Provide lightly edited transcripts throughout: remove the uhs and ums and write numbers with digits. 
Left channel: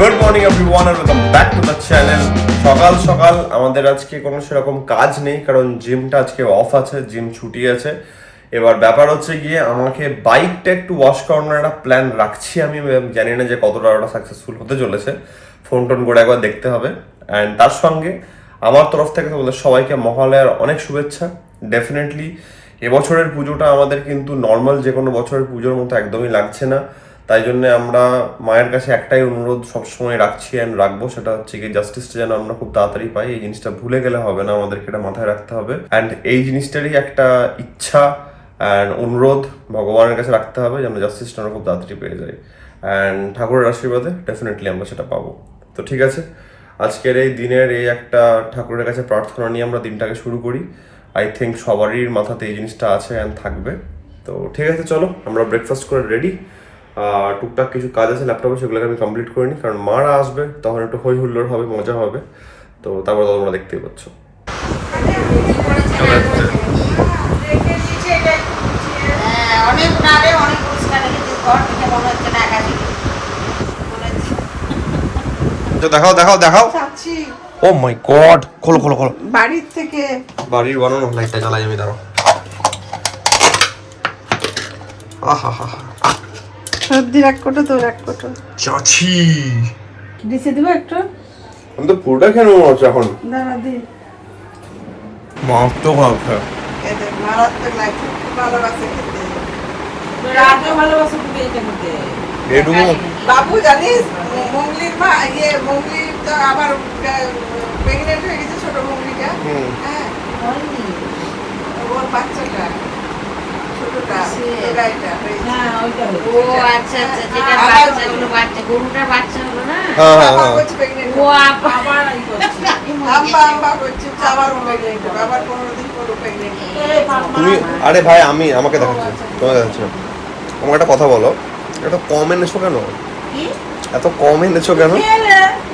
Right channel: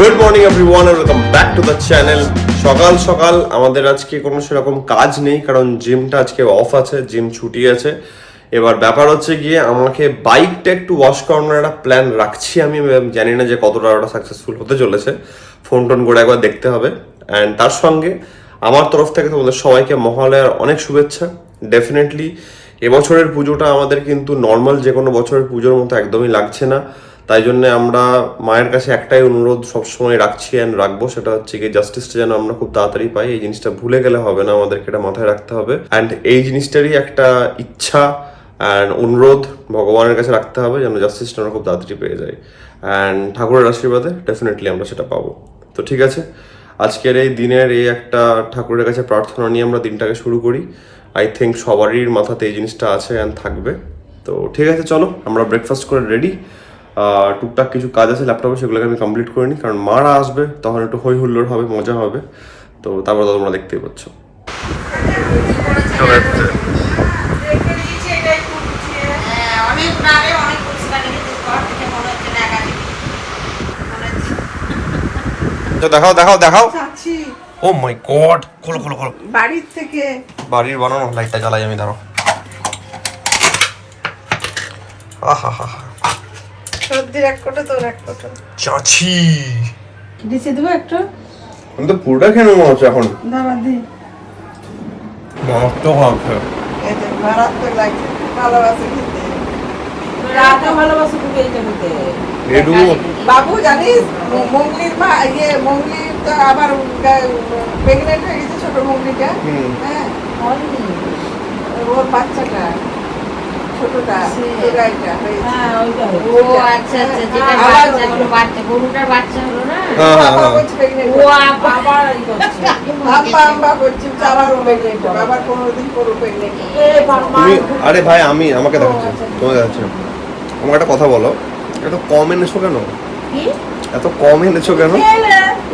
Good morning everyone and welcome back to the channel. সকাল সকাল আমাদের আজকে কোনো সেরকম কাজ নেই, কারণ জিমটা আজকে অফ আছে, জিম ছুটি আছে। এবার ব্যাপার হচ্ছে গিয়ে আমাকে বাইকটা একটু ওয়াশ করানোর একটা প্ল্যান রাখছি। আমি জানি না যে কতটা ওটা সাকসেসফুল হতে চলেছে, ফোন টোন করে একবার দেখতে হবে। অ্যান্ড তার সঙ্গে আমার তরফ থেকে তোমাদের সবাইকে মহালয়ার অনেক শুভেচ্ছা। ডেফিনেটলি এবছরের পুজোটা আমাদের কিন্তু নর্মাল যে কোনো বছরের পুজোর মতো একদমই লাগছে না। তাই জন্য আমরা মায়ের কাছে একটাই অনুরোধ সবসময় রাখছি অ্যান্ড রাখবো, সেটা হচ্ছে কি জাস্টিসটা যেন আমরা খুব তাড়াতাড়ি পাই। এই জিনিসটা ভুলে গেলে হবে না, আমাদেরকে এটা মাথায় রাখতে হবে। অ্যান্ড এই জিনিসটারই একটা ইচ্ছা অ্যান্ড অনুরোধ ভগবানের কাছে রাখতে হবে যেন জাস্টিসটা আমরা খুব তাড়াতাড়ি পেয়ে যাই। অ্যান্ড ঠাকুরের আশীর্বাদে ডেফিনেটলি আমরা সেটা পাবো। তো ঠিক আছে, আজকের এই দিনের এই একটা ঠাকুরের কাছে প্রার্থনা নিয়ে আমরা দিনটাকে শুরু করি। আই থিঙ্ক সবারই মাথাতে এই জিনিসটা আছে অ্যান্ড থাকবে। তো ঠিক আছে, চলো আমরা ব্রেকফাস্ট করে রেডি। টুকটাক কিছু কাজ আছে ল্যাপটপে, সেগুলোকে আমি কমপ্লিট করে নিই, কারণ মারা আসবে, তখন একটু হই হুল্লোড় হবে, মজা হবে। তো তারপর তো তোমরা দেখতেই পাচ্ছ। দেখাও দেখাও দেখাও। ও মাই গড, খোলো খোলো খোলো। বাড়ির থেকে বাড়ির বানানো লাইটটা জ্বালাই আমি, দাঁড়াও। আহা হা, সর্দির এক কোটো, তোর এক কোটো। চাচি দিছে দিব একটু। আমি তো পুরোটা খেয়ে নেবো এখন। দাঁড়া দি। মাংস খাচ্ছে। এদের মারাত্মক লাগে, ভালোবাসে খেতে। কাকে ভালোবাসো তুমি এইটা বলতে? এটুকু বাবু জানিস মঙ্গলির মা মঙ্গলির তো আবার প্রেগনেন্ট হয়ে গেছে, ছোট মঙ্গলিটা। হ্যাঁ, ওর বাচ্চাটা ছোটটা এটা হ্যাঁ, ওইটা হলো। ও আচ্ছা আচ্ছা, যেটা বাচ্চা হলো, বাচ্চা গরুটার বাচ্চা হলো না? হ্যাঁ হ্যাঁ হ্যাঁ। ও আবার আম্মা করছি আবার ও প্রেগনেন্ট, আবার 15 দিন পর প্রেগনেন্ট। তুমি আরে ভাই, আমি আমাকে দেখাচ্ছি, তোমাকে দেখাচ্ছি না। আমাকে একটা কথা বলো, এত কম এনেছো কেন? কি? এত কম এনেছো কেন?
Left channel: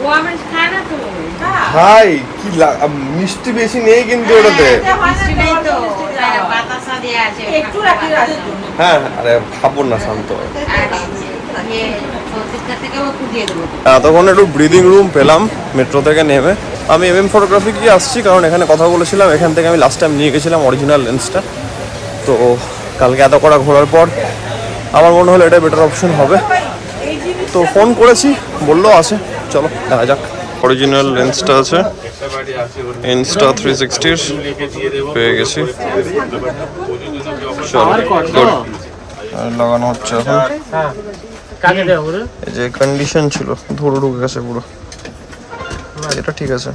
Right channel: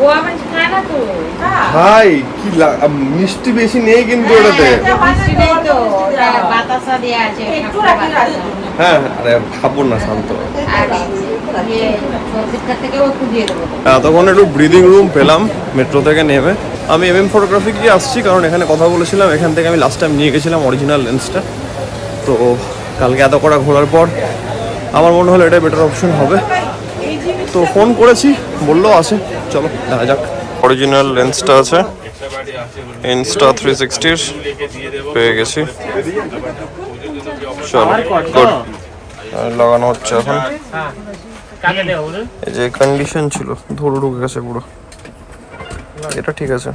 ও আমার খায় না তো। ভাই কি মিষ্টি বেশি নেই কিন্তু ওটাতে। মিষ্টি নেই তো, ওটা বাতাসা দিয়ে আছে। একটু রাখি রাখি। হ্যাঁ, আরে খাবো না, শান্ত হও। আর ইয়ে সবজিটা থেকেও একটু দিয়ে দেবো। এতক্ষণ একটু ব্রিদিং রুম পেলাম মেট্রো থেকে নেমে। আমি এমএম ফটোগ্রাফি গিয়ে আসছি, কারণ এখানে কথা বলেছিলাম, এখান থেকে আমি লাস্ট টাইম নিয়ে গেছিলাম অরিজিনাল লেন্সটা। তো কালকে এত কটা ঘোরার পর আমার মনে হলো এটা বেটার অপশন হবে। তো ফোন করেছি, বললো আছে, চলো দেখা যাক। অরিজিনাল লেন্সটা আছে, ইনস্টা 360 পেয়ে গেছি। চলো গুড, লাগানো হচ্ছে এখন। এই যে কন্ডিশন ছিল, ধরে ঢুকে গেছে পুরো। এটা ঠিক আছে,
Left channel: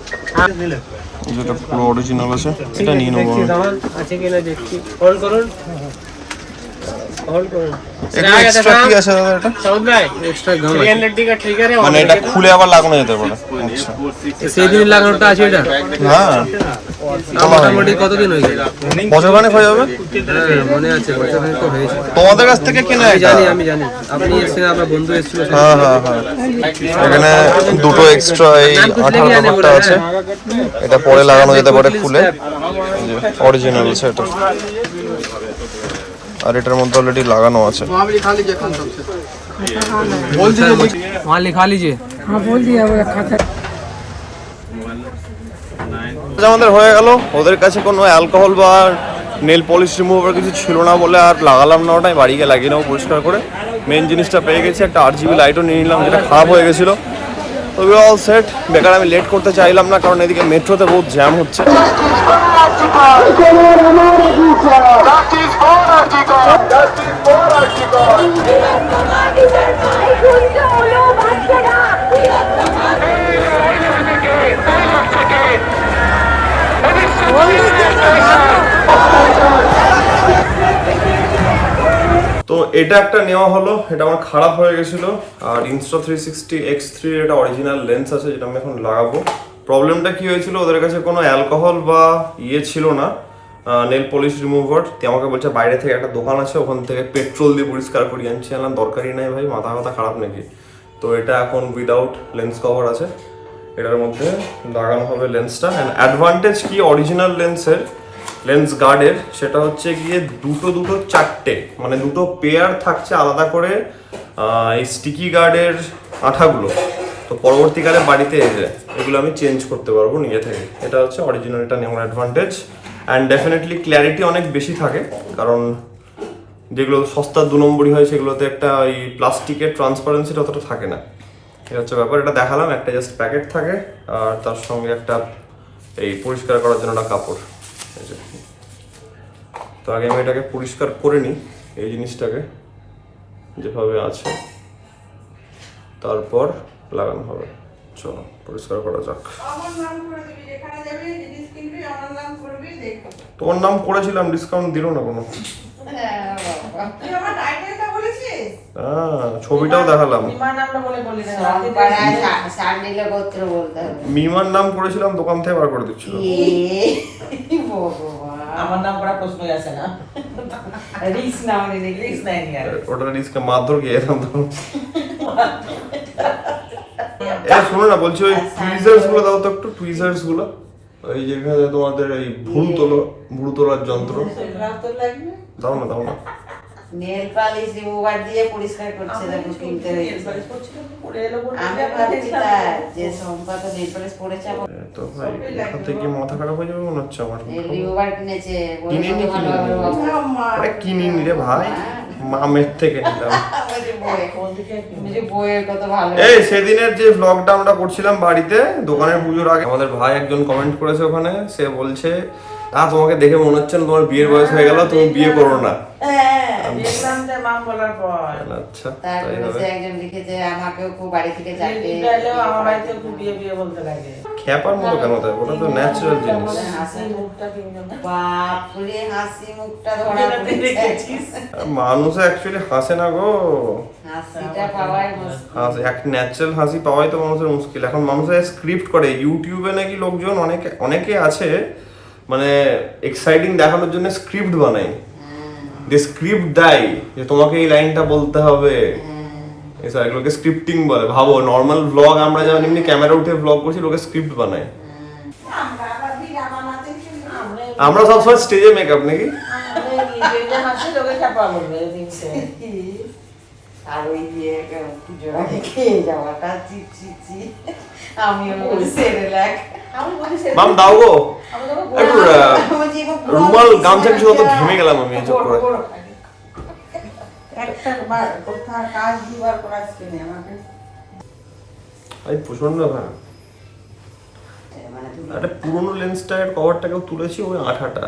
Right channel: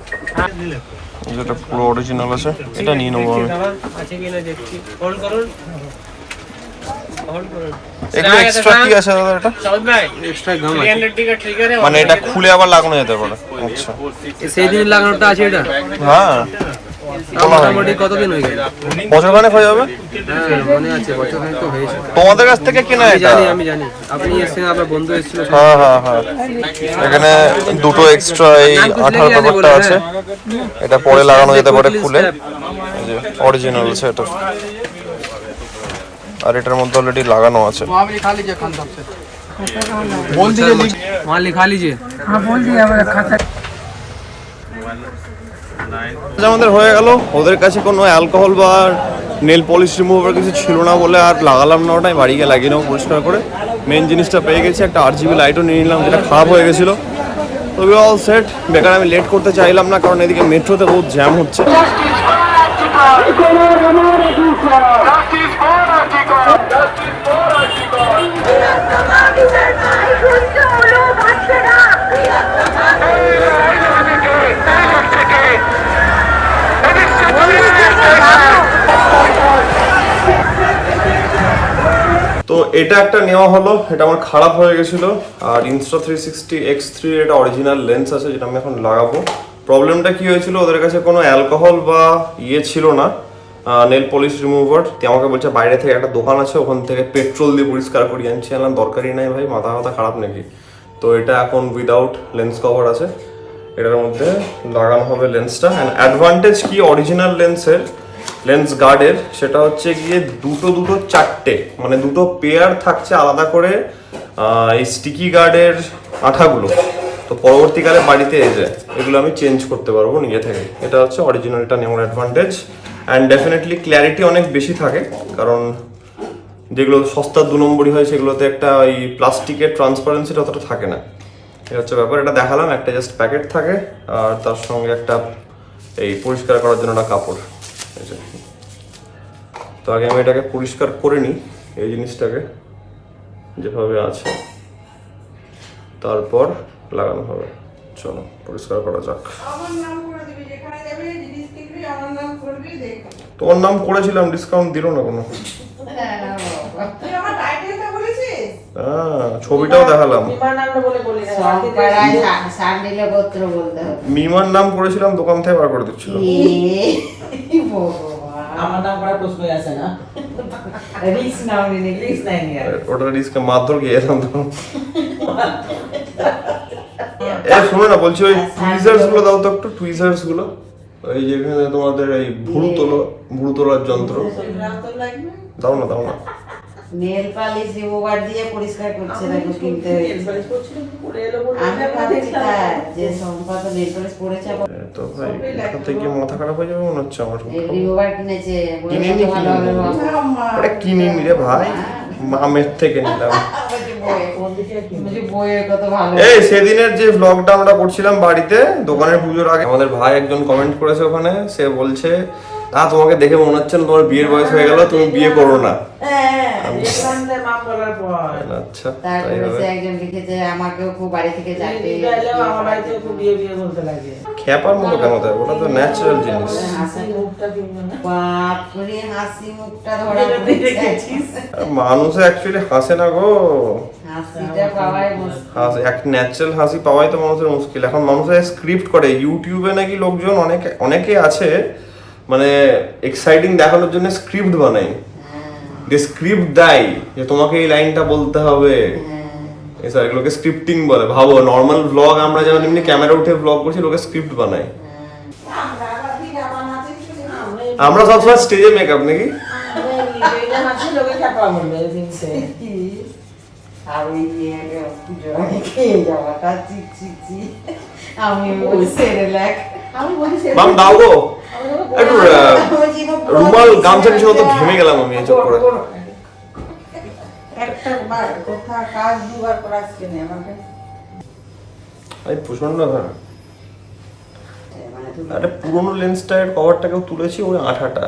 যেটা পুরো অরিজিনাল আছে এটা নিয়ে নেবো আমি। এগুলো এক্সট্রা কি আছে দাদা? এটা এক্সট্রা গাম আছে, মানে এটা খুলে আবার লাগানো যেতে পারে? আচ্ছা, সেই দিন লাগানোটা আছে এটা। হ্যাঁ, মোটামুটি কতদিন হয়ে গেল? বছর খানেক হয়ে যাবে। হ্যাঁ মনে আছে, বছর খানেক তো হয়েছে। তোমাদের কাছ থেকে কেনা এটা? আমি জানি আপনি এসেছেন, আপনার বন্ধু এসেছিল। হ্যাঁ হ্যাঁ হ্যাঁ, এখানে দুটো এক্সট্রা এই 18 ব্যাপারটা আছে, এটা পরে লাগানো যেতে পারে খুলে। এই যে অরিজিনাল আছে এটা, আর এটার মধ্যে অলরেডি লাগানো আছে। वहाँ लिखा लीजिए। আমাদের হয়ে গেল। ওদের কাছে কোনো অ্যালকোহল বা নেল পলিশ রিমুভার কিছু ছিল না বলে আর লাগালাম না, ওটাই বাড়ি গিয়ে লাগিয়ে নেবো পরিষ্কার করে। মেন জিনিসটা পেয়ে গেছি, একটা RGB লাইটও নিয়ে নিলাম, যেটা খারাপ হয়ে গেছিলো। তো উই অল সেট। বেকার আমি লেট করতে চাইলাম না, কারণ এদিকে মেট্রোতে বহুত জ্যাম হচ্ছে। তো এটা একটা নেওয়া হলো, এটা আমার খারাপ হয়ে গেছিল। আর ইনস্টা 360 X3 এটা অরিজিনাল লেন্স আছে, যেটা আমি এখন লাগাবো। প্রবলেমটা কি হয়েছিল, ওদের কাছে কোনো অ্যালকোহল বা ইয়ে ছিল না, নেল পলিশ রিমুভার। আমাকে বলছে বাইরে থেকে একটা দোকান আছে, ওখান থেকে পেট্রোল দিয়ে পরিষ্কার করিয়ে আনছি। আনলাম, দরকারই নাই ভাই, মাথা মাথা খারাপ নাকি। তো এটা এখন উইদাউট লেন্স কভার আছে, এটার মধ্যে লাগানো হবে লেন্সটা। অ্যান্ড অ্যাডভান্টেজ কি অরিজিনাল লেন্সের, লেন্স গার্ডের, সেটা হচ্ছে গিয়ে দুটো চারটে, মানে দুটো পেয়ার থাকছে আলাদা করে এই স্টিকি গার্ডের আঠাগুলো। তো পরবর্তীকালে বাড়িতে এসে এগুলো আমি চেঞ্জ করতে পারবো নিজে থেকে। এটা হচ্ছে অরিজিনালটা নেওয়ার অ্যাডভান্টেজ। অ্যান্ড ডেফিনেটলি ক্ল্যারিটি অনেক বেশি থাকে, কারণ যেগুলো সস্তার 2 নম্বরই হয় সেগুলোতে একটা ওই প্লাস্টিকের ট্রান্সপারেন্সিটা অতটা থাকে না। এটা হচ্ছে ব্যাপার। এটা দেখালাম, একটা জাস্ট প্যাকেট থাকে আর তার সঙ্গে একটা এই পরিষ্কার করার জন্য একটা কাপড়। এই যে, তো আগে আমি এটাকে পরিষ্কার করে নিই, এই জিনিসটাকে যেভাবে আছে, তারপর লাগানো হবে। চলো পরিষ্কার করা যাক। আমার নাম করে দিবি, যেখানে যাবি জিনিস কিনবি আমার নাম করবি, দেখো। তোমার নাম করেছিলাম, ডিসকাউন্ট দিল না কোনো। তুই আমার টাইটেলটা বলেছিস? হ্যাঁ, ছবিটাও দেখালাম। বিমান নামটা বলে বলি না। সব পাড়ায় সান্ডিলে গোত্র বলতে হবে। মিমার নাম করেছিলাম, দোকান থেকে বার করে দিচ্ছিল। আমার নাম করার প্রশ্নই আসে না। রিস্ক নাও নিয়ে রিস্ক নাই নিয়ে। ওটা রিস্কে মারধর গিয়েছিলাম তখন। এ শোনো না, বলছি ওই টুইজার্স গুলো দাও তো একটু, টুইজার্স গুলো, ওই যেখানে তোমাদের এই ভুরু তোলার যন্ত্র নাম তো লাগবে। দাও না, দাও না। নেল পালিশ রিমুভার দিয়ে পরিষ্কার করছে, দেখো কিনতে হয়েছে। পড়ে এলো বলে আমি ভাবছি তার যে সংখ্যা তো নেল পালিশ পড়েছে, আবার এ তো ভাই এখান থেকে মাথা খারাপ হয়ে যাবে মনে হচ্ছে আমার। রিমুভার কিনেছে। কিনিনি, বলে কত ভালো হবে বাবা। ওটা কিনিনি রে ভাই, মামের থেকে নিলাম। বলছি বইয়ের কত ভালো। এই সেদিনের যে ভ্লগটা আমরা করছিলাম বাড়িতে দোকানের পুজোর আগে, আমাদের ভাই একজন কমেন্ট করেছে ওখানে, সে বলছে তোমাকে দেখে মনে হচ্ছে না তোমার বিয়ের বয়স হয়ে গেল, তুমি বিয়ে করো না। নাম বলার পর আচ্ছা, তাই তারপরে হবে। সে একজন লিখেছে আমাকেও খুব বাড়ি থেকে চাপে। আমার বাড়িতে খুব বিয়ে বিয়ে বলতে লাগে। খ্যাপার মতো কেন দেয়, ওটা তো ন্যাচারাল জিনিস। হাসি মুখটা দিন না। বাপ করে হাসি মুখটা ধরা দেখেছিস? আর মানুষে অ্যাকচুয়ালি হাসে না গো, হাসিটা পাওয়াই মুশকিল। হাসি এক ন্যাচারাল হাসি পাওয়াই তো মানুষের মুশকিল। এখন মানুষের স্ক্রিপ্ট করে ইউটিউবে, নাকি লোকজন অনেকে আছে মানে এক্সাইটিং দেখানোর জন্য স্ক্রিপ্ট বানাই, যে স্ক্রিপ্ট দেয় যে তোমাকে এই লাইনটা বলতে হবে, এসব এগুলোকে স্ক্রিপ্টিং বলে। ভাবো নর্মাল ভ্লগ আমরা যেমন এমনি ক্যামেরা উঠে ভ্লগ করছি, লোকে স্ক্রিপ্ট বানায়। আমরা আবার বিনা বানাতে কিছু নেই। আমরা সবসময় স্টেজে মেকআপ নাকি। হাসি লোকে চাপা বলবে দিনছে। আর ওই যে পুজো খেয়ে যাওয়াটা চিচি আমি বলছি রিল্যাক। আমি বলি সে মাম দাও গো একটু রুমাল, গামছা কিছু তো ঘেমে গেলাম আমি এই চোখ করে। একটা বার কোথা কাজ দুবার করাচ্ছে না আমাকে। এই প্রচন্ড হ্যাঁ, মানে তুমি একটা পুরোনো লেন্সটার কভারটাকেও তুলেছি, ওই আঠাটা।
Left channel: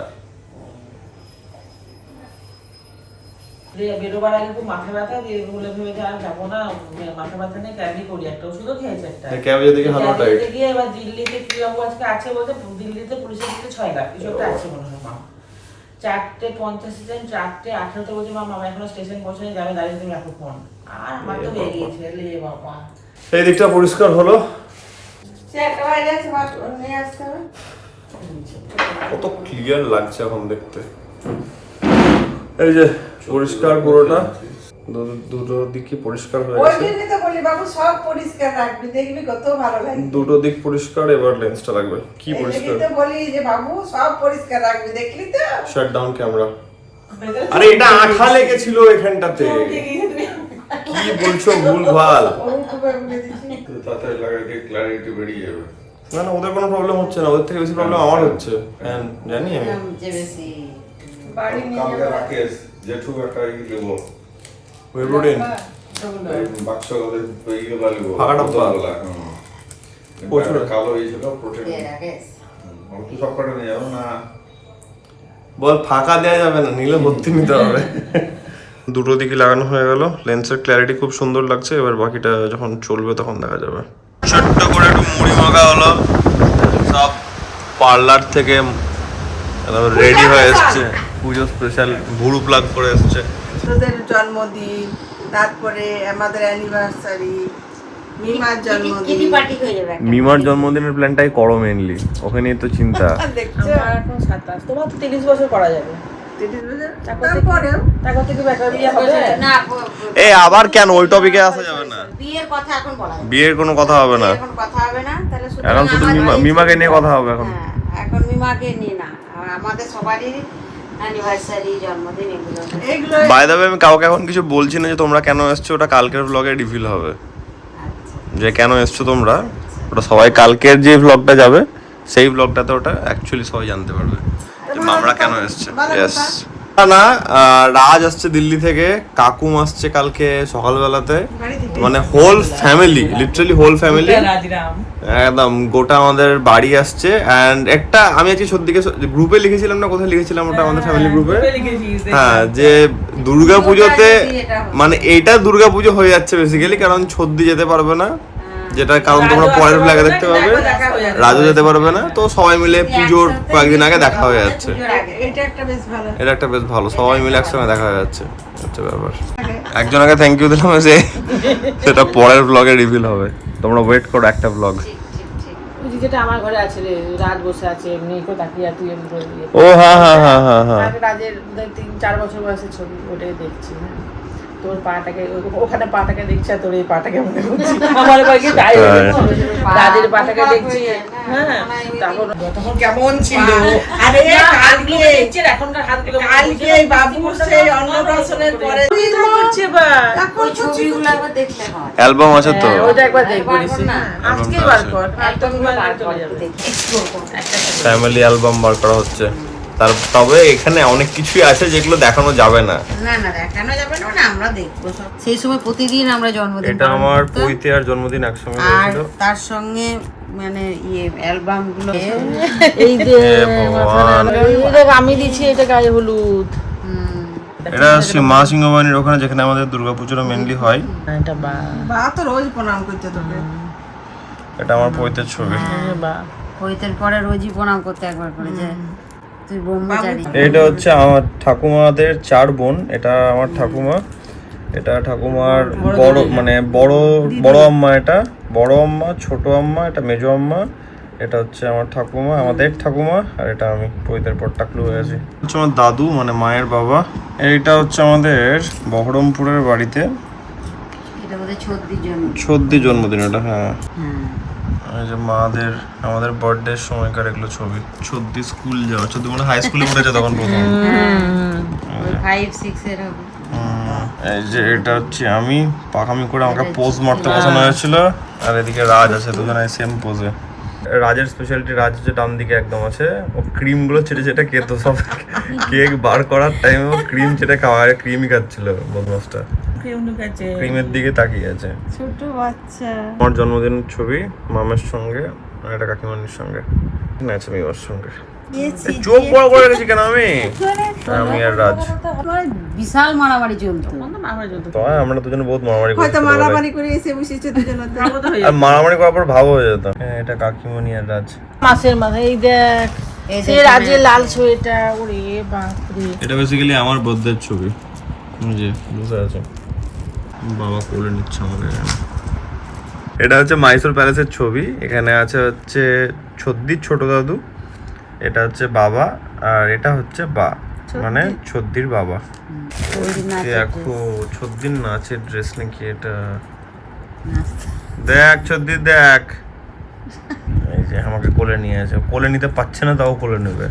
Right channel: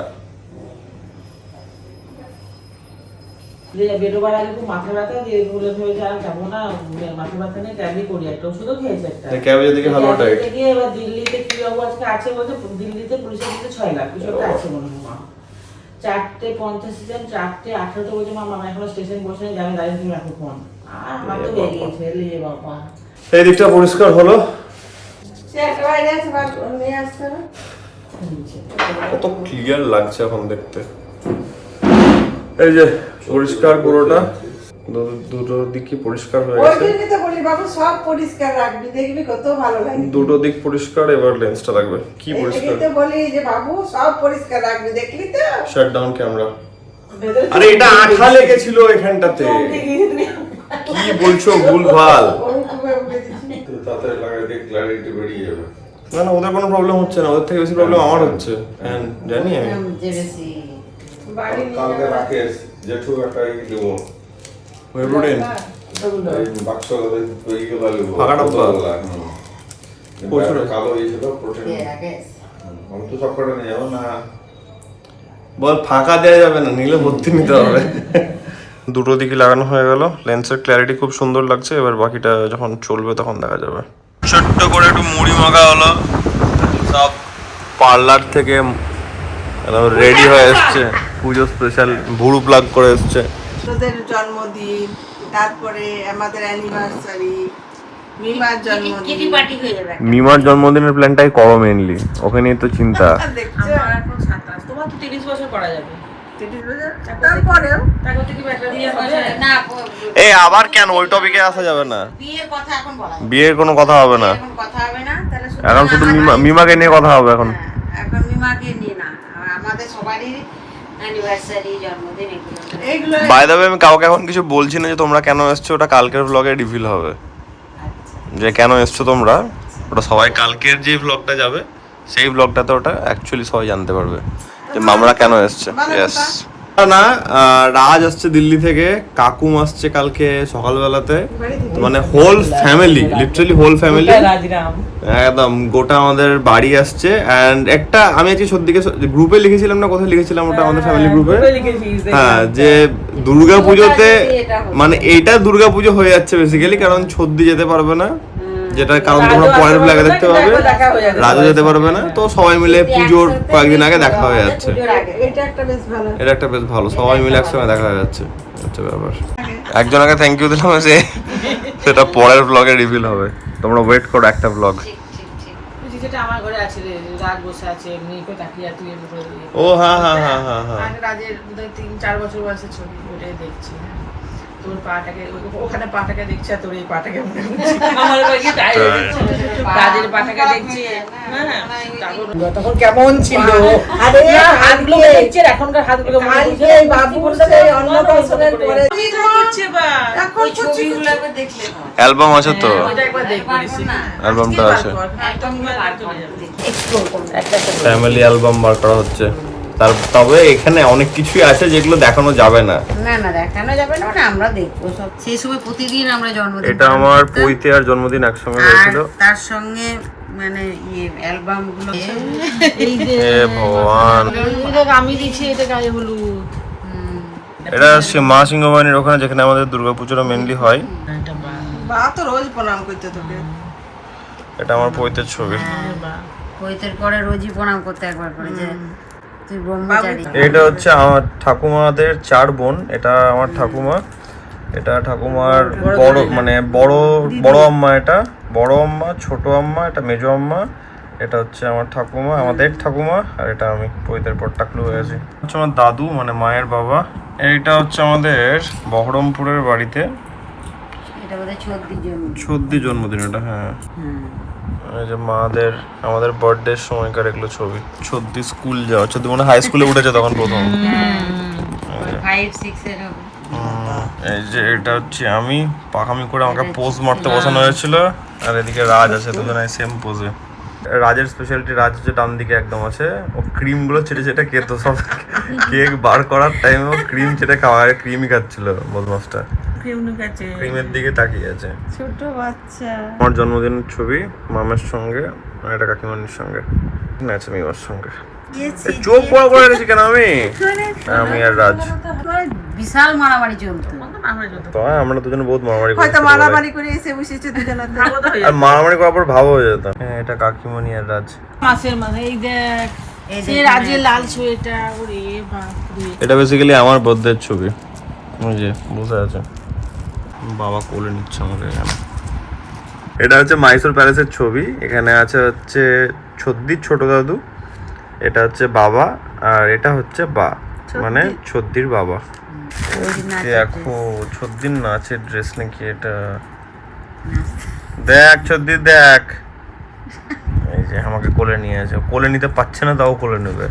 বেরোবার আগে খুব মাথা ব্যথা দিয়ে বলে ভেবেছে আর যাবো না, মাথা ব্যথা নিয়ে ট্যাবই করি, একটা ওষুধও খেয়েছে একটা। ক্যাবে দেখি হালুয়া টাইট। দিল্লিতে গিয়ে এবার দিল্লিতে কি বাবু আজকে আছে বলতে, দিল্লিতে পুলিশের দিতে 6 লাখ কিছু একটা আছে মনে হয়। 4:50 ট্রেন, 4:18 বলছে মামা এখনো স্টেশন বসে যাবে, দাঁড়িয়ে তুমি রাখো ফোন। আর আমার তো বেরিয়ে গেছে রে বাবা। এই দিকটা পরিষ্কার হলো। সে একটা বাইরে আছে, বার নিয়ে আসতে হবে। কত ক্লিয়ার লাগছে এখন দেখতে। এই যে পরিষ্কার পুরোটা, দুটো দিকই পরিষ্কার হয়ে ওই গেছে। জন্যই তো বলি বাবু সব পরিষ্কার রাখবি, দেখবি কত ভালো লাগবে। দুটো দিক পরিষ্কার, এবার লেন্সটা লাগবে। কি পরিষ্কার? তো বলি যে বাবু সব পরিষ্কার রাখবি, দেখলি তো? Shut down camera. আরে এটা আঠা লেগেছিল এখানটাতে, কি বলছো ভুলভাল। ওই খুবই বুঝেছি। তাতে লাগাইতে ক্ল্যারিটি বেরিয়ে যাবে। না না, ওদের কোনো প্রবলেম হচ্ছে না, ওদের থেকে বেশি প্রবলেম আমার হচ্ছে। হ্যাঁ জানি আমি। যে বেশি বাড়ি নিয়ে কালকে যাবো। রাকেশ জেঠু একটা দেবো ওয়েব্রোডিন এই বাক্স ইয়েগুলো নেবো ফাঁকা ডাব্বা। প্রচুর। কালো এই ছিল প্রোটিন। আগে আমি তো সব কটা নিয়ে যাবো না। বল ফাঁকা দেওয়া যাবে না, নিলে ভর্তি নিতে হবে। দুটো দিকে লাগানো হয়ে গেল, লেন্সের ক্ল্যারিটি খুব সুন্দর লাগছে। এবার বাকিটা যখন চলবে তখন দেখা যাবে। ছোট্ট করে একটু মুড়ি মাখা হলো, সব পার্লার থেকে রেডি হয়ে এসছে, পুজো স্পেশাল ভুরু প্লাগ করে এসছে। তোদের জন্মদিন, তারপরে আমাদের অ্যানিভার্সারি, মিমার কিটি জন্মদিন। পার্টি হয়ে যাবে একটা। মিমার জন্মদিনের প্ল্যানটাই করো মেনলি, ওকে নিয়ে তো চিন্তা। দেখছো? আমার এখন 27, তোমার তো 30 বছর করা যাবে। 30 বছর? তারপরেও তারপর থেকে বেটার বিয়ে হবে। না এই আবার কেন ওই টপিকে আসা যাবে না, বিয়ের কথা এখন বলা যাবে না। বিয়ের কোনো কথা হবে না এখন কথা হবে না, তাহলে এখন, শুধু মিমাকে নিয়ে কথা হবে এখন। হ্যাঁ, এখন মিমাকে নিয়ে না, আমাদের সবারই অ্যানিভার্সারি, জন্মদিন এগুলো। এইগুলো বাই দ্য ওয়ে আমি কাউকে এখন কিছু বলছি না যে তোমরা কেন এসছো, ওটা কালকের ব্লগে রিভিল হবে। আচ্ছা যে কেন এসছো তোমরা, ওটা সবাই কালকের যে ব্লগটা যাবে সেই ব্লগটাতে ওটা অ্যাকচুয়ালি সবাই জানতে পারবে যে মামরা কেন এসছে। ইয়েস না, রাজ আসছে দিল্লি থেকে, কাকুম আসছে কালকে সকালবেলাতে, মানে whole family, literally whole family একদম গোটা আমাদের বাড়ি আসছে। অ্যান্ড একটা আমি আজকে সত্যিকে গ্রুপে লিখেছিলাম না, কোথায় লিখেছিলাম ওটা আমাদের ফ্যামিলি গ্রুপে, হ্যাঁ, যে দুর্গা পুজোতে মানে এইটা দুর্গা পুজো হয়ে যাচ্ছে বেসিক্যালি, কারণ ছদ্দি যেতে পারবে না, যেটার কারণ তোমরা পরের ব্লগে দেখতে পাবে, রাজু যেতে পারবে না, তো সবাই মিলে পুজোর কয়েকদিন আগে দেখা হয়ে যাচ্ছে। এটা একটা বেশ ভালো। এটা একটা বেশ ভালো, সবাই মিলে একসঙ্গে দেখা হয়ে যাচ্ছে, হচ্ছে ব্যাপার। একজনকে থ্যাংক ইউ দিলাম, যে সেটা পরের ব্লগে রিভিল হবে, তোমরা ওয়েট করো একটা ব্লগ। যেটা আমার ঘরে আছে রে, রাজ বসে আছে এমনি করে তাকিয়ে, তুই এমনি করে ও হ্যাঁ হ্যাঁ হ্যাঁ হ্যাঁ হ্যাঁ, রাজের 3-4 বছর বয়সের ছবি, ওটাই দেখছি। তোর পাটাকে ওখানে পাটাকে দেখছি, আর তোর এই পাটাকে মনে হচ্ছে আমার বাড়ি তাই রাজের পাটাকে দেখছি। হ্যাঁ, তখন কেমন ছিল, আরে হাতগুলো কালকে দেখছি, আর এখনকার হাতগুলো কালকে বাবুর সেই অন্নপ্রাশনের পরে হচ্ছে বা ওই ছবিগুলো একবার দেখলে হয়। অ্যালবাম আছে তো, ওটা একবার দেখবি না, অ্যালবামটা আছে, একটা ফ্যামিলি অ্যালবাম বার করা হচ্ছে। তবে এখানে অনেক কিছুই আছে যেগুলো দেখানো যাবে না। না না দেখানো যাবে না, মানে আমরা দেখবো সব। সেই সময় প্রতিদিন আমরা জন্মদিন এটা পালন আমার করতাম। পৈতে আর জন্মদিন একসঙ্গে আর হয়েছিল। তার সঙ্গে মানে অ্যালবাম গুলো এই যে হে ভগবান, আমি দিচ্ছি এটা গায়ে হলুদ। এটা মা সিংহবাহিনীর ওখানে, যেখানে আমাদের দুর্গাপুজোটা মেনলি হয়। বা তো রোজ প্রণাম করতে তোকে। এটা আমার পৈতের ছবি। পৈতের পরে রোজই প্রণাম করতে একবার করে, যে তুই ব্রহ্মচারী। এটা হচ্ছে আমার ঠাকুমাদের 4 বোন, এটা আমার ঠাকুমা, এটা ঠাকুমার বড় মানে বড় বড় আম্মা, এটা বড় আম্মা, ছোট আম্মা, এটা মেজো আম্মা, এটা হচ্ছে আমার ঠাকুমা, আমাদের ঠাকুমা, আর এটা আমি পৈতের পর টাকলু হয়ে আছি। হচ্ছে আমার দাদু মানে মায়ের বাবা। এটা হচ্ছে আমাদের বহরমপুরের বাড়িতে, এটা বোধহয় 36 জন। 36 জন্মদিন এটা, হ্যাঁ। এই যে মাদের আমাদের বার্থডে সময়কার এগুলো ছবি। 36 স্কুল যাওয়া, 36 মানে হাই স্কুলে উঠেছে তখন প্রথম। 5-6 এর হবে। এই যে এটা হচ্ছে আমি পাকামি করে আমাকে পোজ মারতে বসানো হয়েছিল, আর এদিকে রাজ আছে, দুজনে সেম পোজে। রাজের স্পেশালিটি, রাজ যে ডান দিকে একদম আছে, ও ক্রিম গুলো চেটে চেটে খেত, সব কেক বার করার টাইমে ও ক্রিম চেটে খাওয়া, ক্রিমই খাচ্ছিল বদমাসটা, ক্রিমের দিকে তাকিয়ে আছে। ছোট বাচ্চা। আমার জন্মদিনের ছবি মামের সঙ্গে, আর এটা কাকিমানির সঙ্গে, আছে মিমার সঙ্গে। এই চোখ বড় করে রেখেছি কেন আমি আর রাজ, বিশাল মারামারি চলতো। তো আমরা দুজনে বহুত মারামারি হয়তো করছি, মারামারি করে এসে বসেছে দুজনে। আর মারামারি করার পর ভাব হয়ে যেত। হ্যাঁ, এটা কাকিমণি আর রাজ। মাসের মাথায় এই দেখ, সে রাজের লাল সোয়েটার, ওরে বাপরে। এটা বেসিক্যালি আমার বর্থডের ছবি, ওই যে বসে আছে, বাবা কোলে নিচ্ছে আমাকে এখানে। এটা হচ্ছে মাইসোর প্যালেসের ছবি, এখানে আছে হচ্ছে ছদ্দির ছোট দাদু, এটা হচ্ছে বাবা, আর এটা হচ্ছে বা, মানে ছদ্দির বাবা। দেখো ছদ্দির নাচের ড্রেস নাকি এটা, দেখ ছদ্দির দেখ, এই যে আমাকে কোলে নিয়ে আছে, কোলে নিতে পারছে না তাও কোলে নেবে।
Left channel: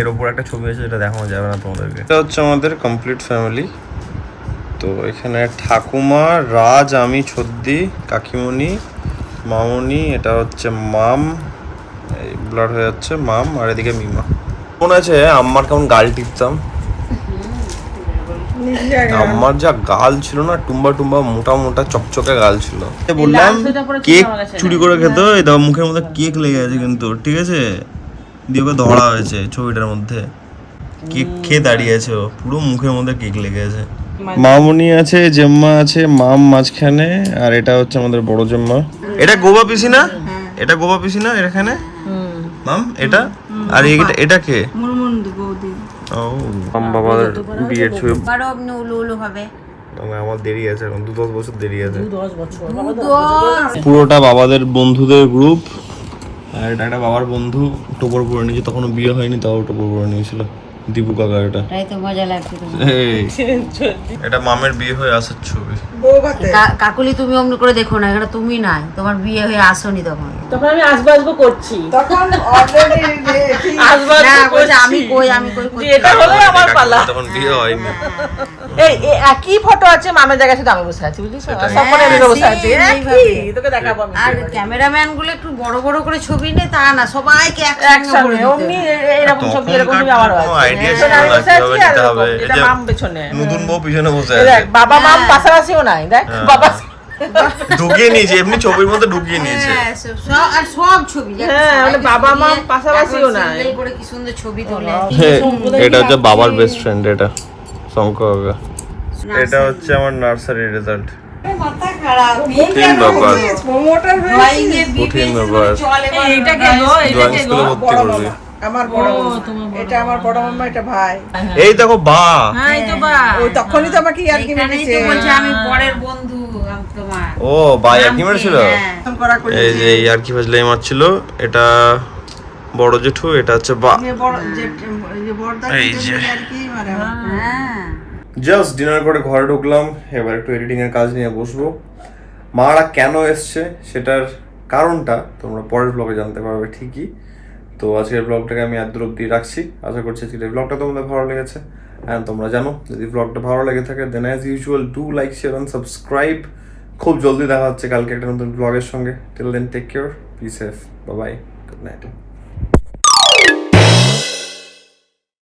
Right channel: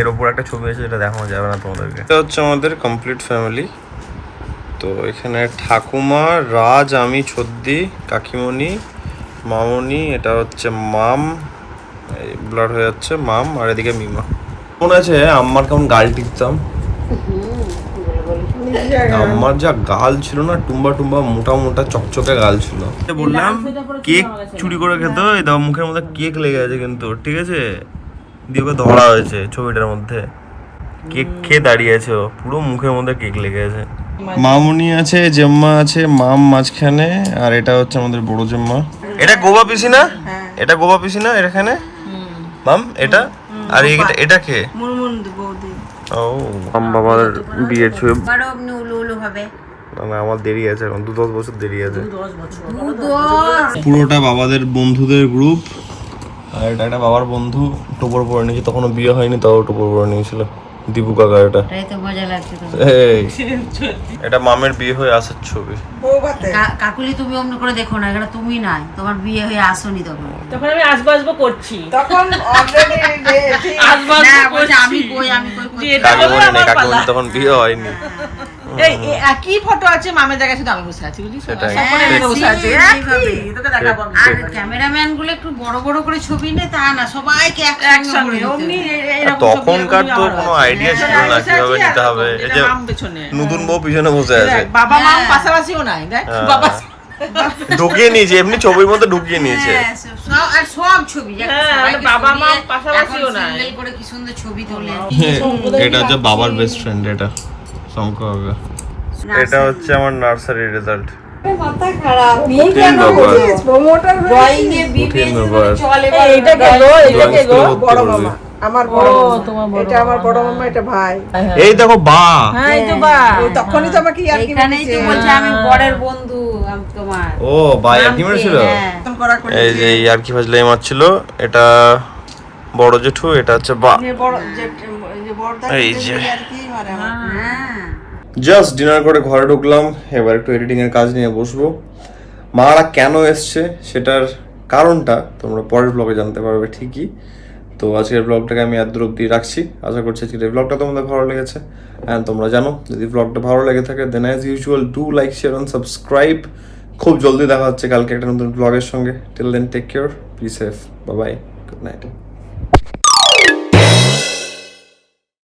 এর উপর একটা ছবি আছে, যেটা দেখানো যাবে না তোমাদেরকে। এটা হচ্ছে আমাদের কমপ্লিট ফ্যামিলি। তো এখানে ঠাকুমা, রাজ, আমি, ছদ্দি, কাকিমণি, মামনি, এটা হচ্ছে মাম, এই ব্লাড হয়ে যাচ্ছে মাম, আর এদিকে মিমা। মনে আছে আম্মার কেমন গাল টিপতাম, আমার যা গাল ছিল না, টুম্বা টুম্বা মোটা মোটা চকচকে গাল ছিল। বললাম কেক চুরি করে খেত, এই দাও মুখের মধ্যে কেক লেগে আছে কিন্তু, ঠিক আছে, দিয়ে ওকে ধরা হয়েছে ছবিটার মধ্যে, কেক খেয়ে দাঁড়িয়ে আছে, ও পুরো মুখের মধ্যে কেক লেগে আছে। মামুনি আছে, জেম্মা আছে, মাম মাঝখানে, আর এটা হচ্ছে আমাদের বড় জেম্মা। এটা গোবা পিসি না, এটা গোবা পিসি না এখানে মাম, এটা আর এটা কে? মুরমুন্ডু বৌদি। ও মাম বাবার বিয়ের ছবি। বারো অমনি উলু উলু হবে। আমার দেরি আছে এখন, 2-10 বছর দেরি আছে। 2-10 পুরোটা বাবাদের বন্ধুদের গ্রুপ, আর এটা একটা বাবার বন্ধু টোপর পরে নিয়েছে, তখনও বিয়ে হয়নি তাও টোপর পরে নিয়েছিল, দীপু কাকা। এটা তাই তো মজা লাগছে তো। এই এটা মামের বিয়ে হয়ে আসার ছবি। বউ ভাতে। কাকুলি তুমি অমনি করে দেখো না, এখানে তুমি নাই, তোমার বিয়ে হয়ে আসোনি তখন। তখন আমি আসবো আসবো করছি, তখন already আসবো না আসবো বলছে করছি। আমি কই যে এটা কাকিমণি আমার নেই, কাকিমণি পালা। তখন বিয়ে হয়নি। এই একই ফটো আছে মামের জায়গায় শুধু আমি বসে আছি বুঝলি তো? সেটাই। সব মনে এমনি বসে আছে হ্যাঁ, একই, এইভাবে। তোকে দেখাবো আমি আর ক্যামেরাম্যান গুলো একটু বড় বড় করে ছবি নেয় তা না, সবাইকে একসঙ্গে একসঙ্গে করে অমনি নিতে হবে। এইরকম ছবি তখনকার এরকমই তো আমার কোনো আছে। আইডিয়া ছিল আমি না বসে কিভাবে আছি, নিতে আর হবে। এই এটা যে মাম পেছনে। নতুন বউ পিছনে বসে এই আছে, দেখ, বাবা মা হ্যাঁ। পাশাপাশিও নাই দেখ হ্যাঁ। বাবা ঢুকিয়ে নিয়েছে, এমনি ছবির মধ্যে ঢুকিয়ে নিয়েছে। হ্যাঁ, আর সব ছবি যাকে হ্যাঁ, সবাইকে মানে বাবা মা সরিয়ে পাশাপাশিও এখন নাই। single করে কি সুন্দর ছবি তোলে। এটা হচ্ছে বাবার বেস্ট ফ্রেন্ড, এটা শঙ্কর। এটা হচ্ছে আমার নার্সারি রেজাল্ট। মাথা খারাপ কঠিন ব্যাপার, প্রমোটার ড্রয়িং এ কঠিন ব্যাপার। চলে এইটা কেন ড্রয়িং স্কুলে ভর্তি বড় করবে। মামা আমার বড় মামা এটা আমার বড় মামা, এটা ভাই। এই দেখো বা, হ্যাঁ এই তো বা ও তখনই তো আমাকে ইয়ার কি এখানেই তো মেরেছে বলছে আমি বরের বন্ধু আমি তোমার ও বা আর কি মেরেছিল। হ্যাঁ। ফোন করা করে এই যে আর কি ফাজলে মারছিল, এটা বড় জেঠু, এটা হচ্ছে বা। যে বড় যে বড়দা এই যে। ইয়ার কি মানে আমার। হ্যাঁ জাস্ট ডিনার করে ঘরে ঢুকলাম, এবার একটু এডিটিং এর কাজ নিয়ে বসবো। মারা কেন এসছে সেটার কারণটা তোমরা পরের ব্লগে জানতে পারবে ঠিকই। তো আজকের ব্লগটাকে আমি এত দূর অব্দি রাখছি। আশা করছি আজকের ব্লগটা তোমাদের ভালো লেগেছে। অ্যান্ড তোমরা জানো যদি ব্লগটা ভালো লেগে থাকে then as usual do like share and subscribe. খুব জলদি দেখা হচ্ছে কালকে একটা নতুন ব্লগের সঙ্গে। Till then take care, be safe, bye bye, good night.